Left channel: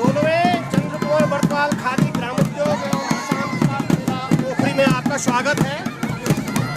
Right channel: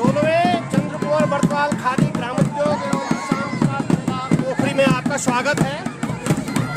16वें चंद्र कुंवर बरतवाल खादी ग्रामोद्योग एवं किसान विकास मेला पोखरी में आपका स्वागत है।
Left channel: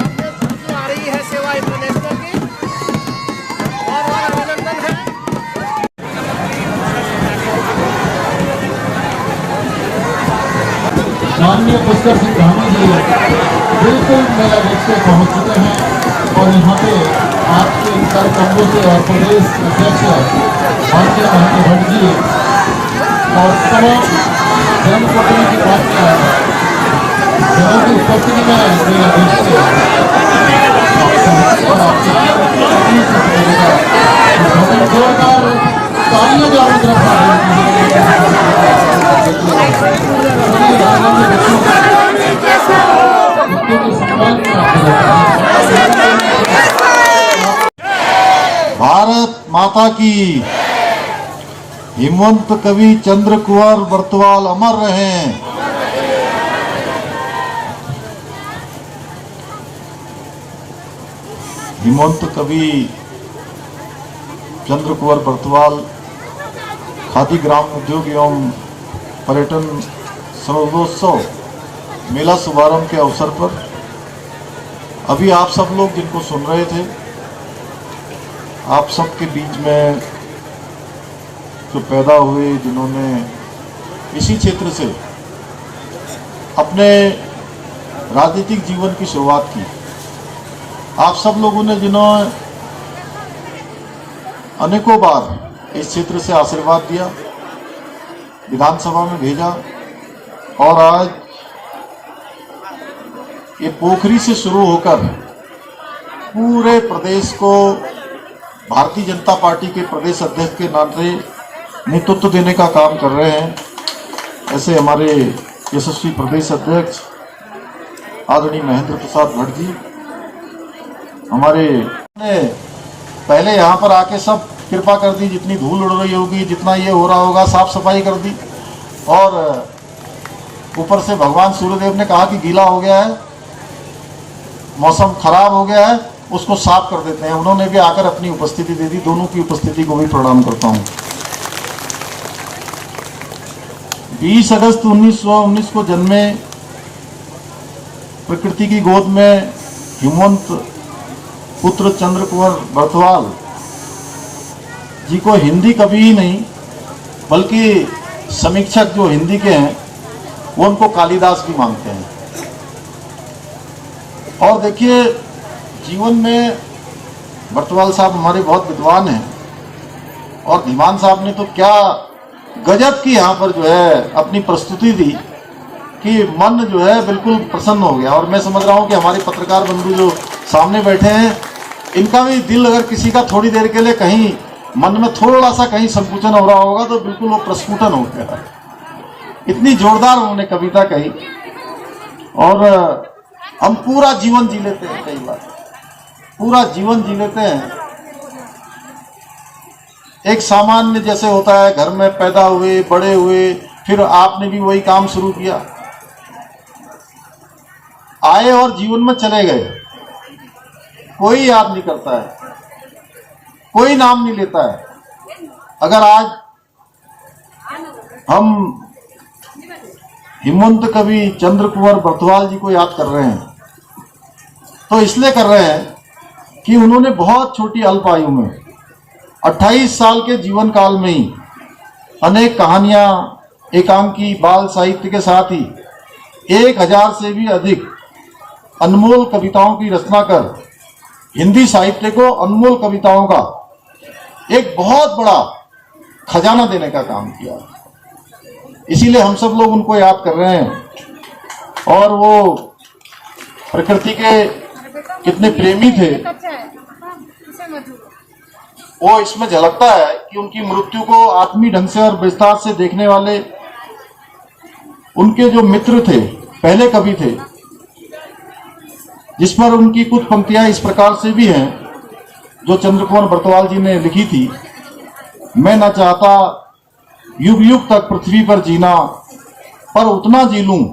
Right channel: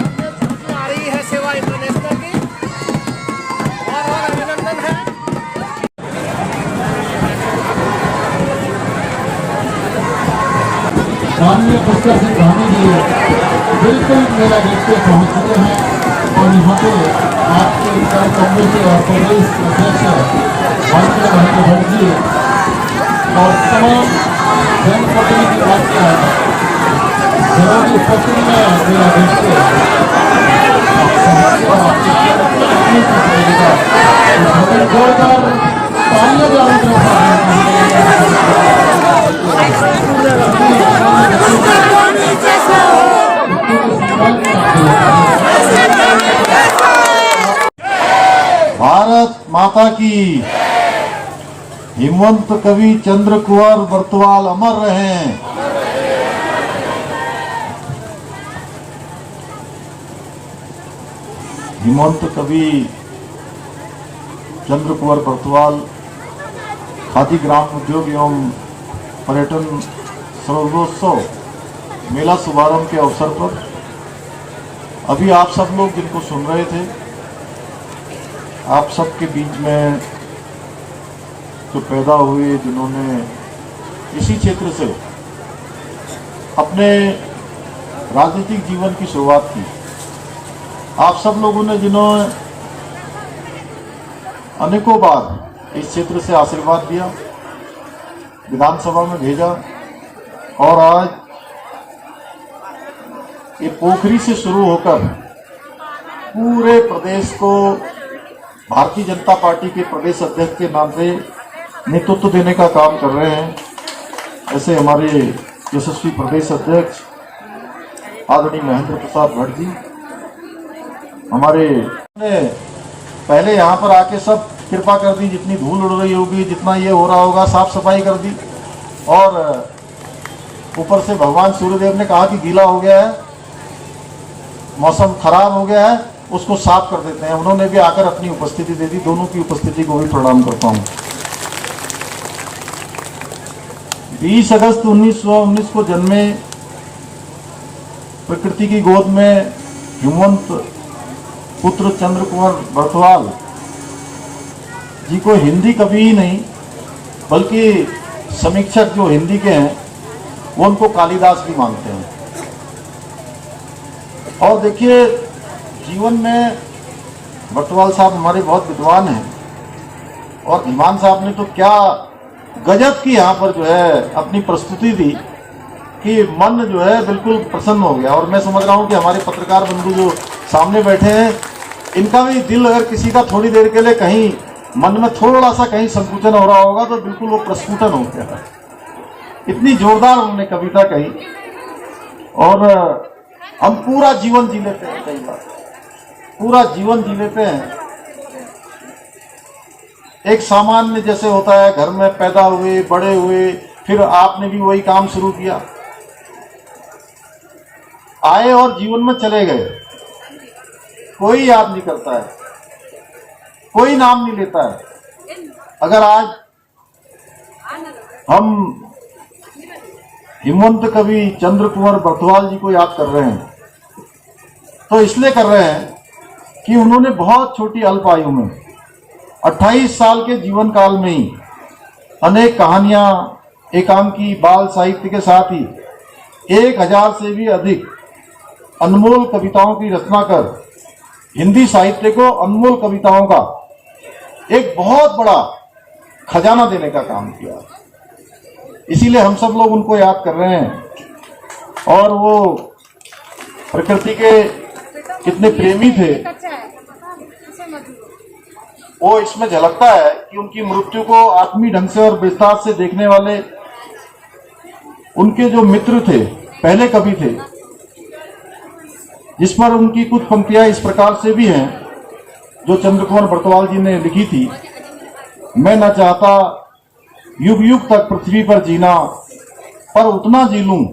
आपके झलकी आ रही है सेवा इंटरनेशनल की, और अभिनंदन है। माननीय पुष्कर सिंह धामी जी बिल्कुल मेरा बिल्कुल पहुंच चुके हैं और यहाँ पे आपके उत्तर कांग्रेस और प्रदेश अध्यक्ष भारतीय महंगे भट्ट जी और तमाम जनप्रतिनिधि की बात किया की उपस्थिति में मेरा बिल्कुल भारत माता की। हिमवंत कवि चंद्र कुंवर बरतवाल अमर रहें। हिमवंत कवि चंद्र कुंवर बरतवाल खादी ग्राम उद्योग एवं पर्यटन सर्वोत्सव मेला शुभारंभ के अवसर पर अभी आप सब लोग जिनको सुन रहे थे, आप सबके बीच में जो पैदा हुए, जिन्होंने इसी क्षेत्र से अपने राजनीतिक जीवन की शुरुआत की, आप सब लोगों ने जिन्होंने अनेकों बार इस क्षेत्र से आशीर्वाद दिया, विधानसभा में भेजा, और आज ये पोखरी से शुरू होकर पूरे प्रदेश को भारतीय जनता पार्टी के प्रदेश अध्यक्ष के नाते नेतृत्व देने का काम कर रहे हैं। ऐसे हमारे यशस्वी प्रदेश अध्यक्ष आदरणीय महेंद्र प्रसाद भट्ट जी, हमारे ने पहले यहाँ पर आके सब कृपा कर दी, जितनी धूल उड़ रही होगी, जितना ये हो रहा होगा, साफ सफाई कर दी, और ऊपर से भगवान सूर्यदेव ने कहा कि गीला हो गया है, मौसम खराब हो गया है, उसको साफ कर देते हैं। उन्होंने भी आकर अपनी उपस्थिति दे दी। दोनों की उपस्थिति को भी प्रणाम करता हूं। 20 अगस्त 1919 को जन्मे, प्रकृति की गोद में हिमवंत पुत्र चंद्र कुंवर बरतवाल जी को हिंदी कवि ही नहीं बल्कि समीक्षक जो हिंदी के हैं वो उनको कालिदास भी मानते हैं। और देखिए, जीवन में बरतवाल साहब हमारे बहुत विद्वान हैं, और धीमान साहब ने तो क्या गजब की यहाँ पर जो है अपनी प्रस्तुति दी कि मन जो है बिल्कुल प्रसन्न हो गया। और मैं समझ रहा हूँ कि हमारे पत्रकार बंधु जो सामने बैठे हैं, इनका भी दिल अगर किसी का थोड़ी देर के लिए कहीं मन में थोड़ा सा कहीं संकुचन हो रहा होगा तो बिल्कुल वो प्रस्फुटन हो गया। इतनी जोरदार उन्होंने कविता कही, और हम पूरा जीवन जी लेते हैं, कई बार पूरा जीवन जी लेते हैं। एक सामान्य जैसे होता है, घर में पैदा हुए, बड़े हुए, फिर आपने भी वही काम शुरू किया, आए और जीवन में चले गए, कोई याद नहीं करता है, कोई नाम नहीं लेता है। अगर आज हम हिमवंत कवि चंद्र कुंवर बरतवाल जी को याद कर रहे हैं तो इसलिए कर रहे हैं कि उन्होंने बहुत छोटी अल्प आयु में 28 साल के जीवन काल में ही अनेक कहानियां, एकांकी, बाल साहित्य के साथ ही 1000 से भी अधिक अनमोल कविताओं की रचना कर हिंदी साहित्य को अनमोल कविताओं का एक बहुत बड़ा खजाना देने का काम किया। इसीलिए हम सब लोग उनको याद कर रहे हैं। और वो प्रकृति के कितने प्रेमी थे, वो इसमें झलकता है कि उनकी मृत्यु को आत्मीय ढंग से और विस्तार से देखने वाले उनके जो मित्र थे, पहले कवि थे, जिस पर उनकी कुछ पंक्तियां इस प्रकार से भी हैं जो चंद्र कुंवर बरतवाल जी ने लिखी थी। मैं न चाहता युग युग तक पृथ्वी पर जीना, पर उतना जी लूं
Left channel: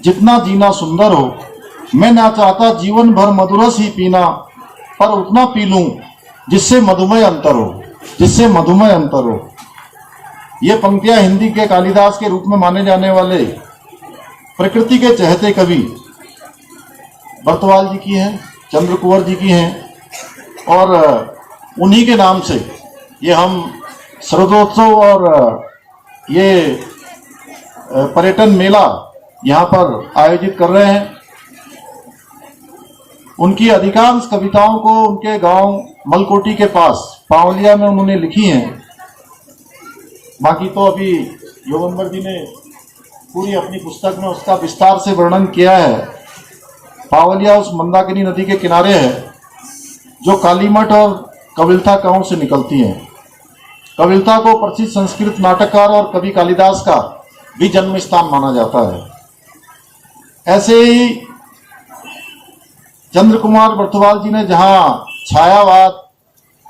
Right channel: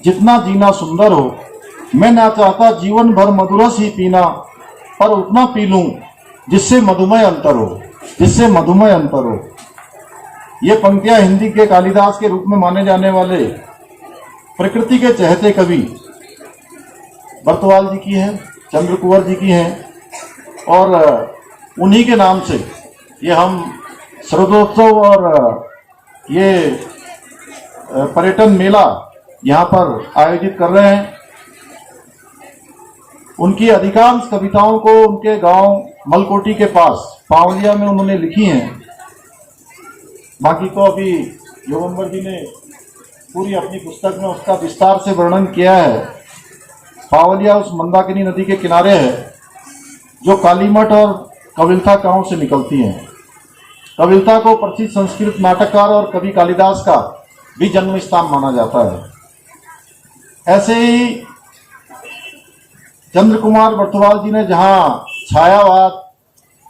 जितना जीना सुंदर हो। मैं ना चाहता जीवन भर मधुरस ही पीना, पर उतना पी लूं जिससे मधुमेह अंतर हो, जिससे मधुमेह अंतर हो। ये पंक्तियां हिंदी के कालिदास के रूप में माने जाने वाले प्रकृति के चहेते कवि बर्तवाल जी की हैं, चंद्र कुंवर जी की हैं और उन्हीं के नाम से ये हम शरदोत्सव और ये पर्यटन मेला यहाँ पर आयोजित कर रहे हैं। उनकी अधिकांश कविताओं को उनके गांव मलकोटी के पास पावलिया में उन्होंने लिखी हैं। बाकी तो अभी योगेंद्र जी ने पूरी अपनी पुस्तक में उसका विस्तार से वर्णन किया है। पावलिया उस मंदाकिनी नदी के किनारे है जो कालीमठ और कविलता गांव से निकलती है। कविलता को प्रसिद्ध संस्कृत नाटककार और कवि कालिदास का भी जन्म स्थान माना जाता है। ऐसे ही चंद्र कुमार बर्तवाल जी ने जहां छायावाद,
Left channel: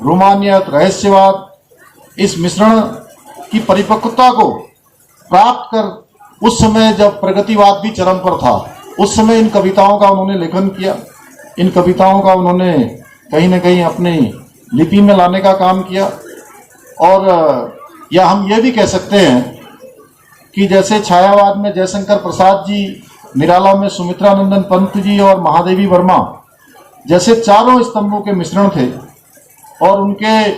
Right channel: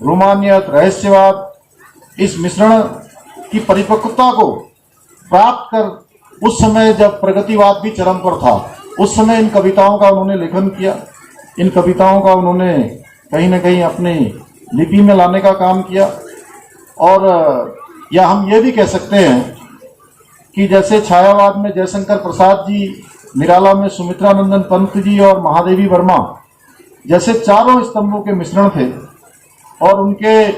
रोमानियत, रहस्यवाद इस मिश्रण की परिपक्वता को प्राप्त कर उस समय जब प्रगतिवाद भी चरम पर था, उस समय इन कविताओं का उन्होंने लेखन किया। इन कविताओं का उन्होंने कहीं न कहीं अपनी लिपि में लाने का काम किया। और या हम ये भी कह सकते हैं कि जैसे छायावाद में जयशंकर प्रसाद जी, निराला में सुमित्रानंदन पंत जी और महादेवी वर्मा जैसे चारों स्तंभों के मिश्रण थे और उनके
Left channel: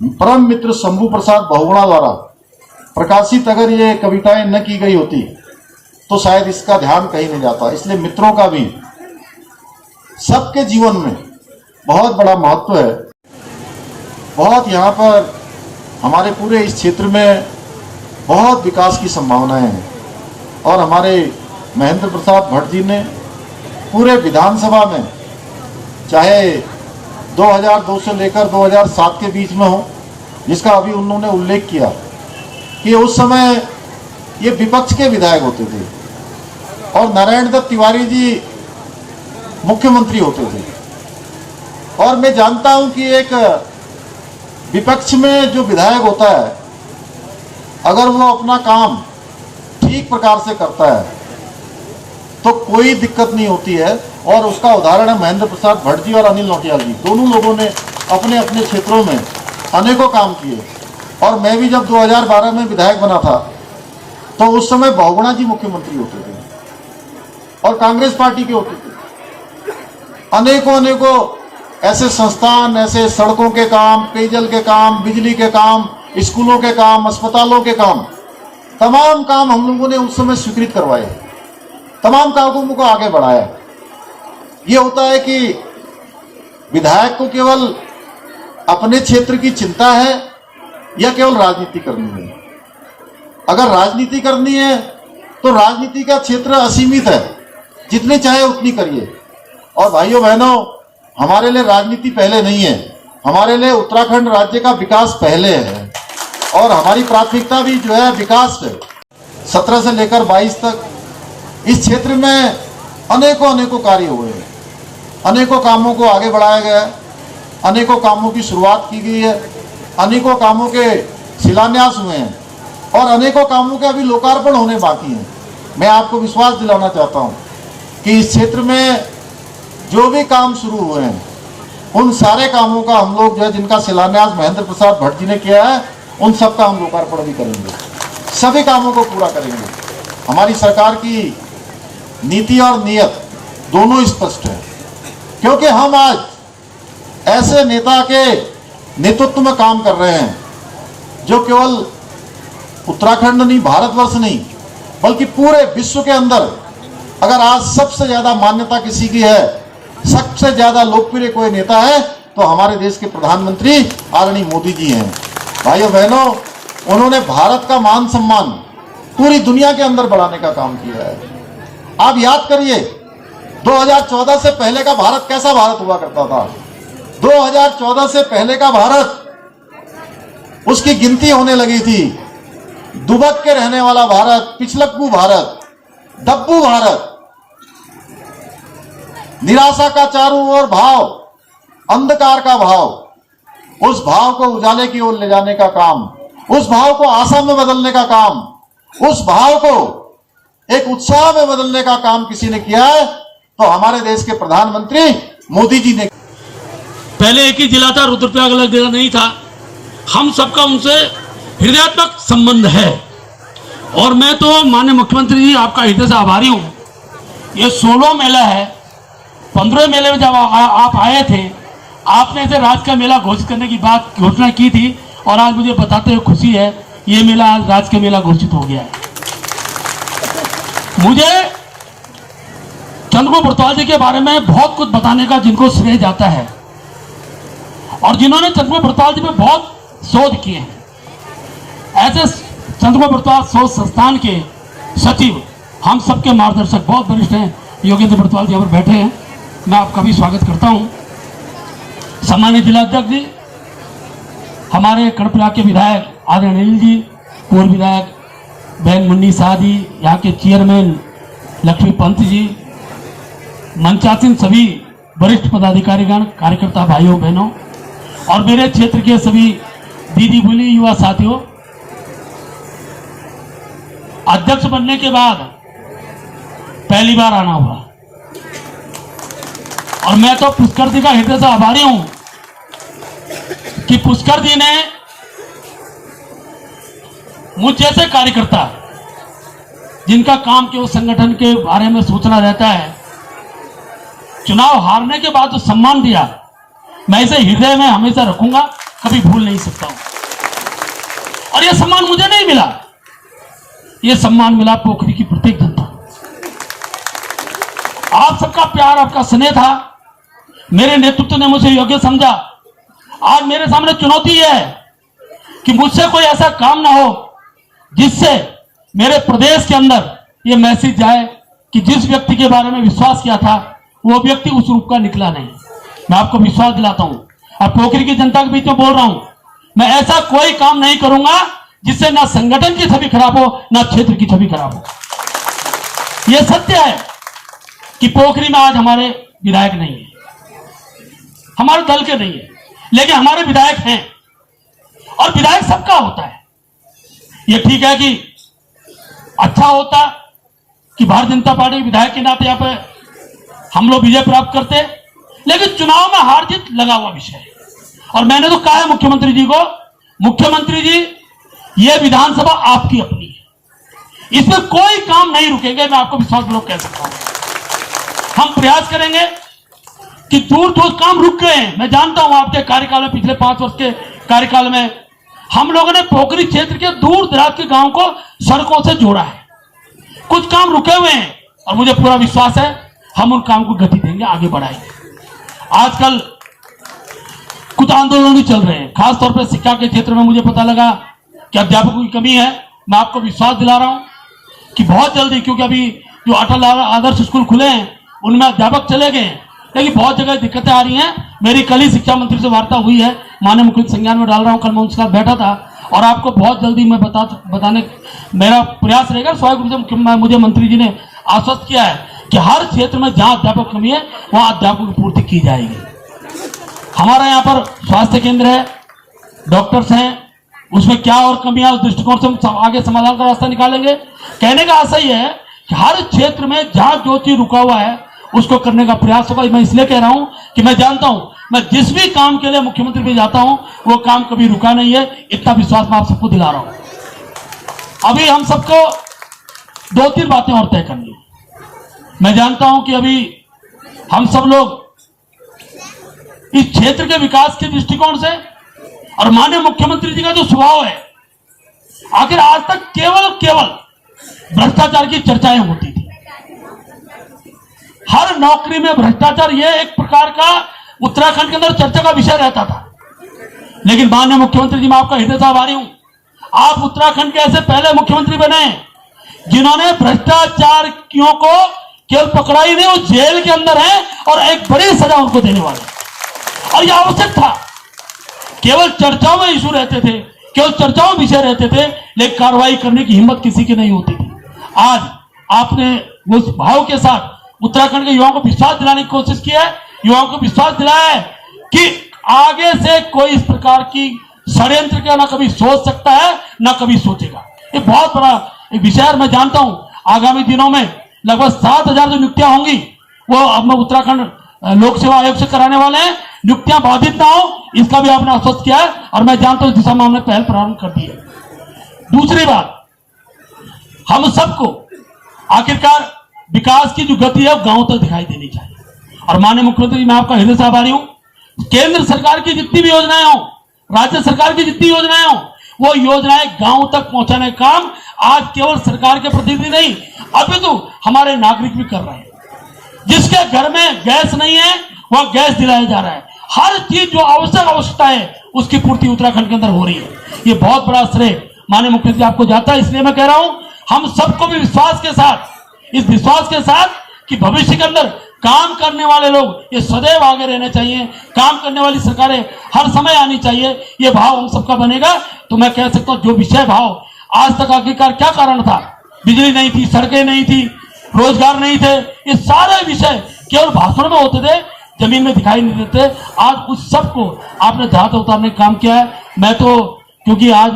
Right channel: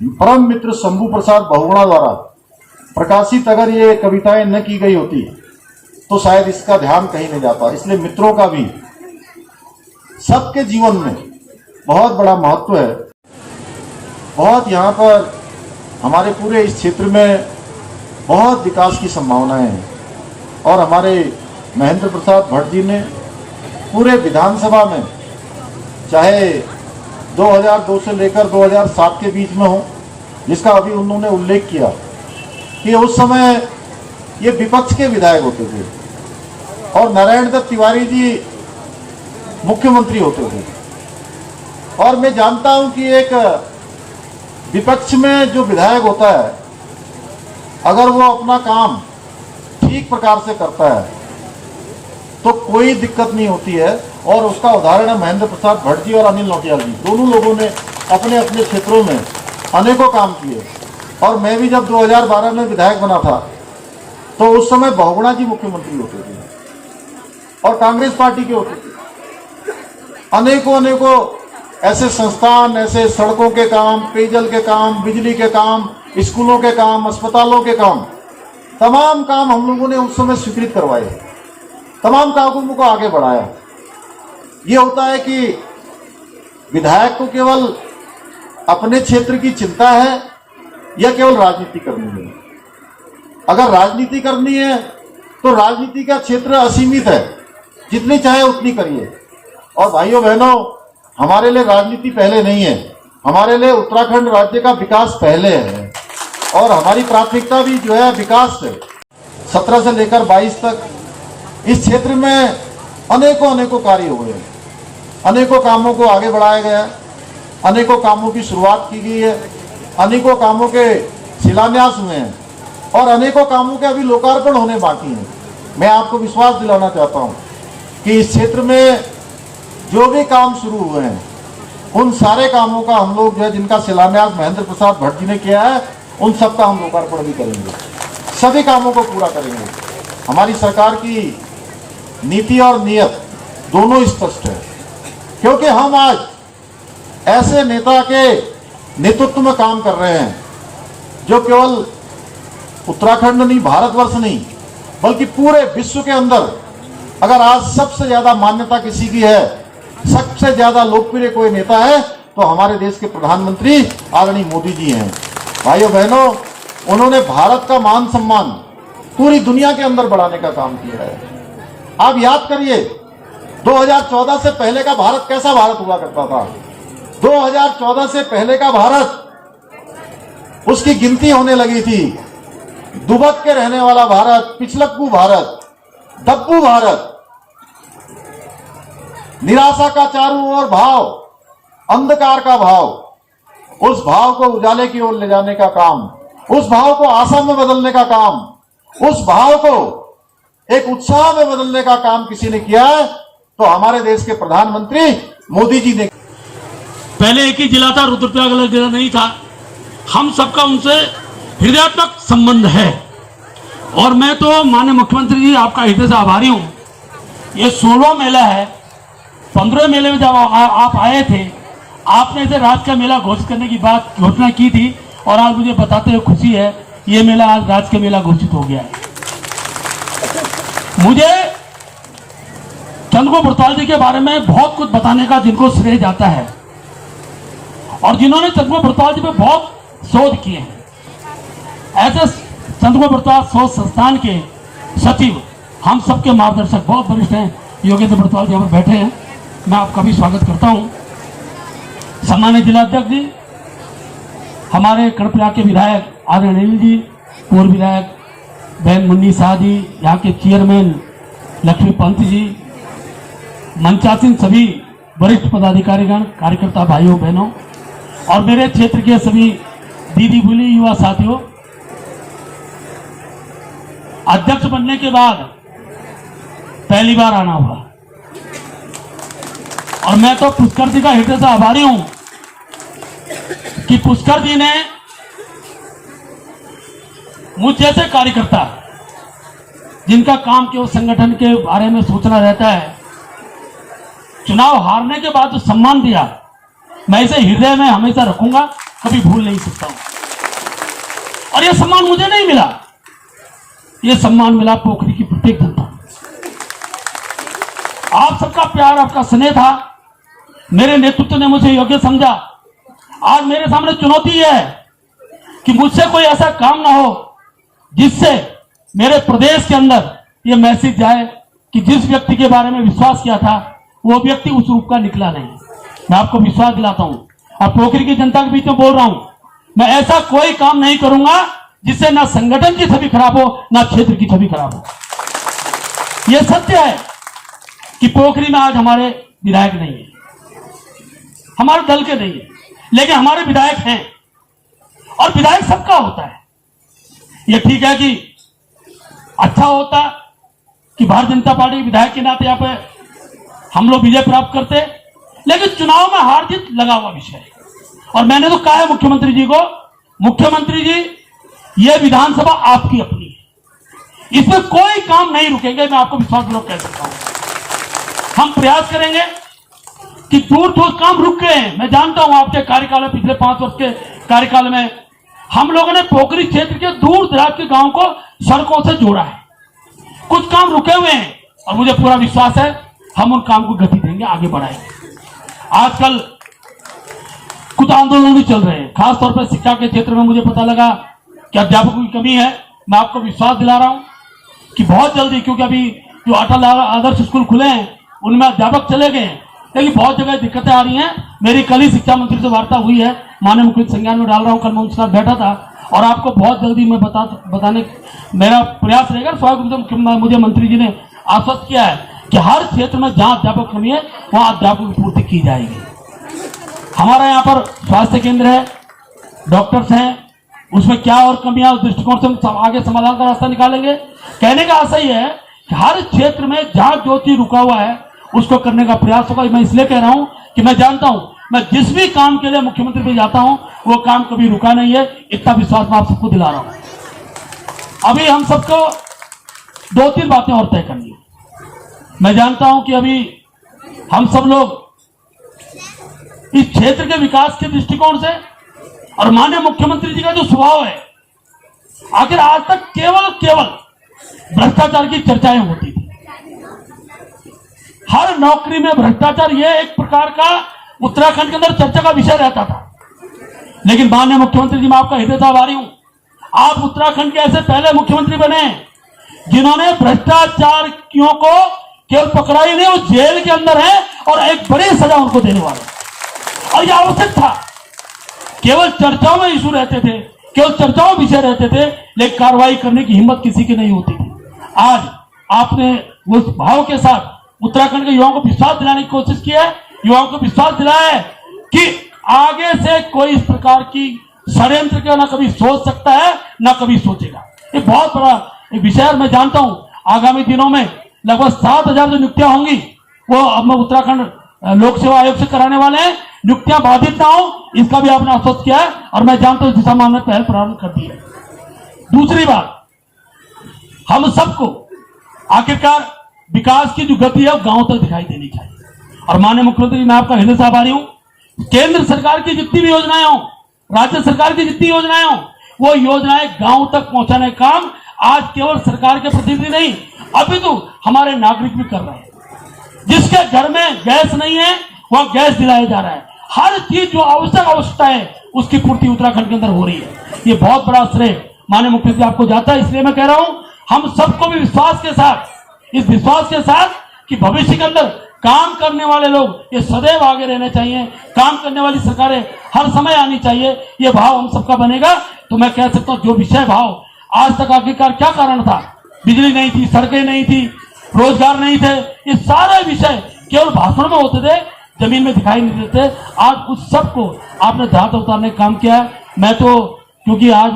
परम मित्र शंभू प्रसाद बहुगुणा द्वारा प्रकाशित अगर ये कविताएं न की गई होती तो शायद इसका ध्यान कहीं नहीं जाता। इसलिए मित्रों का भी सबके जीवन में बहुत बड़ा महत्व है। बहुत यहाँ पर हमारे पूरे इस क्षेत्र में बहुत विकास की संभावनाएं हैं और हमारे महेंद्र प्रताप भट्ट जी ने पूरे विधानसभा में चाहे 2002 से लेकर 2007 के बीच में हो, जिसका अभी उन्होंने उल्लेख किया कि उस समय ये विपक्ष के विधायक होते थे और नारायण दत्त तिवारी जी मुख्यमंत्री होते थे। और मैं जानता हूं कि एक विपक्ष में जो विधायक होता है, अगर वो अपना काम ठीक प्रकार से करता है तो कोई दिक्कत नहीं होती है। और उसका उदाहरण है महेंद्र प्रसाद भट्ट जी और अनिल नौटियाल जी। दोनों लोगों ने अपने अपने क्षेत्रों में अनेकों काम किए। और मैं भी जब 2012 में विधायक बना था तो उस समय बहुगुणा जी मुख्यमंत्री होते थे और कांग्रेस पार्टी के होते थे। अनेकों ऐसे संस्थान, ऐसे सड़कों के काम, पेयजल के काम, बिजली के काम, स्कूलों के काम, अस्पतालों के काम, तमाम काम हम लोगों ने उस समय स्वीकृत करवाए, तमाम कामों को आगे बढ़ाया। ये होता है कि विधायक को केवल अपने क्षेत्र की चिंता है या केवल राजनीति करनी है। अगर राजनीति करनी है तो राजनीति का क्षेत्र असीमित है, जितनी चाहे उतनी करिए। और भाइयों बहनों, हमारे लिए राजनीति पहले नहीं है, हमारे लिए उत्तराखंड राज्य का विकास पहले है और हमारी प्राथमिकता भी जो है विकास है। 17 से लेकर 22 तक इस क्षेत्र में अनेकों कार्य हुए हैं, अनेकों कामों को आगे बढ़ाया गया है, अनेकों कामों की शुरुआत की गई है, अनेकों कामों के शिलान्यास हुए हैं और अनेकों कामों के अभी लोकार्पण होने बाकी हैं। मैं आपको विश्वास दिलाना चाहता हूं कि इस क्षेत्र में जो भी काम शुरू हुए हैं, उन सारे कामों का हम लोग जो है, जिनका शिलान्यास महेंद्र प्रसाद भट्ट जी ने किया है, उन सब का हम लोकार्पण भी करेंगे, सभी कामों को पूरा करेंगे। हमारी सरकार की नीति और नियत दोनों स्पष्ट है, क्योंकि हम आज ऐसे नेता के नेतृत्व में काम कर रहे हैं जो केवल उत्तराखंड नहीं, भारतवर्ष नहीं, बल्कि पूरे विश्व के अंदर अगर आज सबसे ज्यादा मान्यता किसी की है, सबसे ज्यादा लोकप्रिय कोई नेता है तो हमारे देश के प्रधानमंत्री आदरणीय मोदी जी हैं। भाइयों बहनों, उन्होंने भारत का मान सम्मान पूरी दुनिया के अंदर बढ़ाने का काम किया है। आप याद करिए 2014 से पहले का भारत कैसा भारत हुआ करता था। 2014 से पहले का भारत, उसकी गिनती होने लगी थी। दुबक के रहने वाला भारत, पिछलक्कू भारत, दब्बू भारत, निराशा का चारों ओर भाव, अंधकार का भाव, उस भाव को उजाले की ओर ले जाने का काम, उस भाव को आशा में बदलने का काम, उस भाव को एक उत्साह में बदलने का काम किसी ने किया है तो हमारे देश के प्रधानमंत्री मोदी जी ने। पहले एक ही जिला था, रुद्रप्रयाग अलग जिला नहीं था। हम सबका उनसे हृदयात्मक संबंध है। और मैं तो माननीय मुख्यमंत्री जी आपका हृदय से आभारी हूं। ये 16 मेला है, 15 मेले में जब आप आए थे, आपने इसे राज्य का मेला घोषित करने की बात घोषणा की थी, और आज मुझे बताते हुए खुशी है ये मेला आज राज्य का मेला घोषित हो गया है। मुझे चंद्रप्रभु बरतवाल जी के बारे में बहुत कुछ बताने का जिनको श्रेय जाता है, और जिन्होंने चंद्रप्रभु बरतवाल जी पे बहुत शोध किए हैं। ऐसे चंद्रप्रभु बरतवाल शोध संस्थान के सचिव, हम सबके मार्गदर्शक बहुत वरिष्ठ हैं, योगेंद्र बरतवाल जी यहाँ पर बैठे हैं, मैं आपका भी स्वागत करता हूं। सम्मानित जिलाध्यक्ष जी, हमारे कर्णप्रयाग के विधायक आदरणीय अनिल जी, पूर्व विधायक बहन मुन्नी शाह जी, यहाँ के चेयरमैन लक्ष्मी पंत जी, मंचासीन सभी वरिष्ठ पदाधिकारीगण, कार्यकर्ता भाइयों बहनों, और मेरे क्षेत्र के सभी दीदी बोली युवा साथियों, अध्यक्ष बनने के बाद पहली बार आना हुआ, और मैं तो पुष्कर जी का हृदय से आभारी हूं कि पुष्कर जी ने मुझ जैसे कार्यकर्ता, जिनका काम केवल संगठन के बारे में सोचना रहता है, चुनाव हारने के बाद जो सम्मान दिया, मैं इसे हृदय में हमेशा रखूंगा, कभी भूल नहीं सकता हूं। और यह सम्मान मुझे नहीं मिला, यह सम्मान मिला पोखरी की प्रत्येक जनता। आप सबका प्यार, आपका स्नेह था, मेरे नेतृत्व ने मुझे योग्य समझा। आज मेरे सामने चुनौती है कि मुझसे कोई ऐसा काम ना हो जिससे मेरे प्रदेश के अंदर यह मैसेज जाए कि जिस व्यक्ति के बारे में विश्वास किया था वो व्यक्ति उस रूप का निकला नहीं। मैं आपको विश्वास दिलाता हूं, और पोखरी की जनता के बीच में बोल रहा हूं, मैं ऐसा कोई काम नहीं करूंगा जिससे ना संगठन की छवि खराब हो, ना क्षेत्र की छवि खराब हो। यह सत्य है कि पोखरी में आज हमारे विधायक नहीं है, हमारे दल के नहीं है, लेकिन हमारे विधायक हैं, और विधायक सबका होता है। यह ठीक है कि अच्छा होता कि भारतीय जनता पार्टी विधायक के नाते यहां पे हम लोग विजय प्राप्त करते, लेकिन चुनाव में हार जीत लगा हुआ विषय है। और मैंने तो कहा है मुख्यमंत्री जी को, मुख्यमंत्री जी यह विधानसभा आपकी अपनी है, इसमें कोई काम नहीं रुकेंगे, मैं आपको विश्वास पूर्वक कह सकता हूं। हम प्रयास करेंगे कि दूर दूर काम रुक गए हैं। मैं जानता हूं आपके कार्यकाल में, पिछले 5 वर्ष के कार्यकाल में हम लोगों ने पोखरी क्षेत्र के दूर दराज के गांव को सड़कों से जोड़ा है। कुछ काम रुके हुए हैं, और मुझे पूरा विश्वास है हम उन काम को गति देंगे, आगे बढ़ाएंगे। आजकल कुछ आंदोलन भी चल रहे हैं, खासतौर पर शिक्षा के क्षेत्र में मुझे पता लगा कि अध्यापकों की कमी है। मैं आपको विश्वास दिला रहा हूं कि बहुत जल्दी, क्योंकि अभी जो अटल आदर्श स्कूल खुले हैं उनमें अध्यापक चले गए हैं, लेकिन बहुत जगह दिक्कतें आ रही हैं। मेरी कल ही शिक्षा मंत्री से वार्ता हुई है, माननीय मुख्यमंत्री संज्ञान में डाल रहा हूं, कल मैं उनके साथ बैठा था, और आपको बहुत जल्दी मैं बताने मेरा प्रयास रहेगा। स्वाभाविक रूप से मुझे मंत्री जी ने आश्वस्त किया है कि हर क्षेत्र में जहां अध्यापक कमी है वहां अध्यापकों की पूर्ति की जाएगी। हमारा यहाँ पर स्वास्थ्य केंद्र है, डॉक्टर्स हैं, उसमें क्या और कमियां, उस दृष्टिकोण से हम आगे समाधान का रास्ता निकालेंगे। कहने का आशय यह है कि हर क्षेत्र में जहां जो चीज रुका हुआ है उसको करने का प्रयास होगा। मैं इसलिए कह रहा हूं कि मैं जानता हूं, मैं जिस भी काम के लिए मुख्यमंत्री पे जाता हूं वो काम कभी रुका नहीं है, इतना विश्वास मैं आप सबको दिला रहा हूं। अभी हम सबको 2-3 बातें और तय करनी है। मैं जानता हूं कि अभी हम सब लोग इस क्षेत्र के विकास के दृष्टिकोण से, और माननीय मुख्यमंत्री जी का जो स्वभाव है, आखिर आज तक केवल भ्रष्टाचार की चर्चाएं होती थी। हर नौकरी में भ्रष्टाचार, यह एक प्रकार का उत्तराखंड के अंदर चर्चा का विषय रहता था। लेकिन माननीय मुख्यमंत्री जी, मैं आपका हृदय से आभारी हूं, आप उत्तराखंड के ऐसे पहले मुख्यमंत्री बने जिन्होंने भ्रष्टाचारियों को केवल पकड़ा ही नहीं, वो जेल के अंदर है और एक बड़ी सजा उनको देने वाले। और यह आवश्यक था। केवल चर्चाओं में इशू रहते थे, केवल चर्चाओं विषय रहते थे, लेकिन कार्रवाई करने की हिम्मत किसी की नहीं होती थी। आज आपने उस भाव के साथ उत्तराखंड के युवाओं को विश्वास दिलाने की कोशिश की है, युवाओं को विश्वास दिलाया है कि आगे से कोई इस प्रकार की षड्यंत्र का ना कभी सोच सकता है ना कभी सोचेगा। ये बहुत बड़ा विषय है। मैं जानता हूं आगामी दिनों में लगभग 7,000 जो नियुक्तियां होंगी वो अब मैं उत्तराखंड लोक सेवा आयोग से कराने वाले हैं। नियुक्तियां बाधित ना हो इसका भी आपने आश्वस्त किया है, और मैं जानता हूं इस दिशा में हमने पहल प्रारंभ कर दी है। दूसरी बात, हम सबको आखिरकार विकास की जो गति है गांव तक दिखाई देनी चाहिए। और माननीय मुख्यमंत्री, मैं आपका हृदय से आभारी हूं। केंद्र सरकार की जितनी भी योजनाएं हो, राज्य सरकार की जितनी योजनाएं हो, वो योजनाएं गांव तक पहुंचाने का काम आज केवल सरकार के प्रतिनिधि नहीं, अभी तो हमारे नागरिक भी कर रहे हैं। जिसके घर में गैस नहीं है वह गैस दिलाया जा रहा है। हर चीज जो आवश्यक आवश्यकता है उसकी पूर्ति उत्तराखंड के अंदर हो रही है। ये बहुत बड़ा श्रेय माननीय मुख्यमंत्री आपको जाता है। इसलिए मैं कह रहा हूं, हम सबको भी विश्वास के साथ, इस विश्वास के साथ कि भविष्य के अंदर काम करने वाले लोग ये सदैव आगे रहने चाहिए, काम करने वाली सरकारें हर समय आनी चाहिए, ये भाव हम सबका बनेगा। तो मैं कह सकता हूं, जो विषय भाव आज तक आखिरकार क्या कारण था, बिजली नहीं थी, सड़कें नहीं थी, रोजगार नहीं थे, ये सारे विषय केवल भाषण में होते थे, जमीन में दिखाई नहीं देते। आज उस सबको आपने ध्यान उतारने का काम किया। मैं तो क्योंकि आज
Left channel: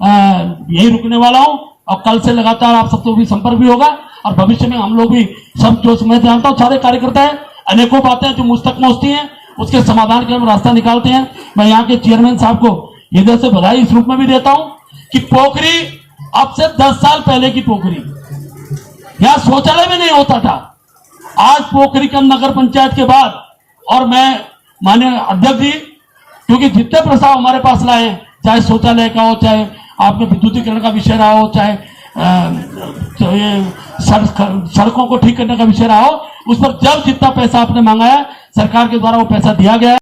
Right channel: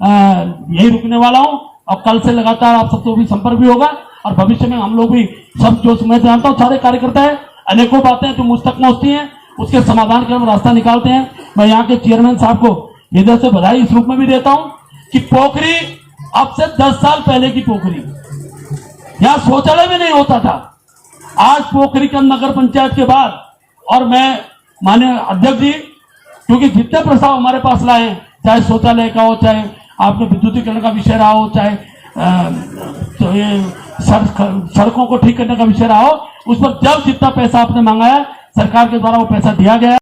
यही रुकने वाला हूं और कल से लगातार आप सबको भी संपर्क भी होगा और भविष्य में हम लोग भी सब, जो मैं जानता हूं सारे कार्यकर्ता है, अनेकों बातें जो मुझ तक पहुंचती हैं उसके समाधान के हम रास्ता निकालते हैं। मैं यहाँ के चेयरमैन साहब को हृदय से बधाई इस रूप में भी देता हूं कि पोखरी अब से 10 साल पहले की पोखरी, यहाँ शौचालय में नहीं होता था, आज पोखरी के नगर पंचायत के बाद, और मैं माननीय अध्यक्ष जी, क्योंकि जितने प्रस्ताव हमारे पास लाए हैं, चाहे शौचालय का हो, चाहे आपने विद्युतीकरण का विषय रहा हो, चाहे सड़कों को ठीक करने का विषय रहा हो, उस पर जब जितना पैसा आपने मांगा है सरकार के द्वारा वो पैसा दिया गया है।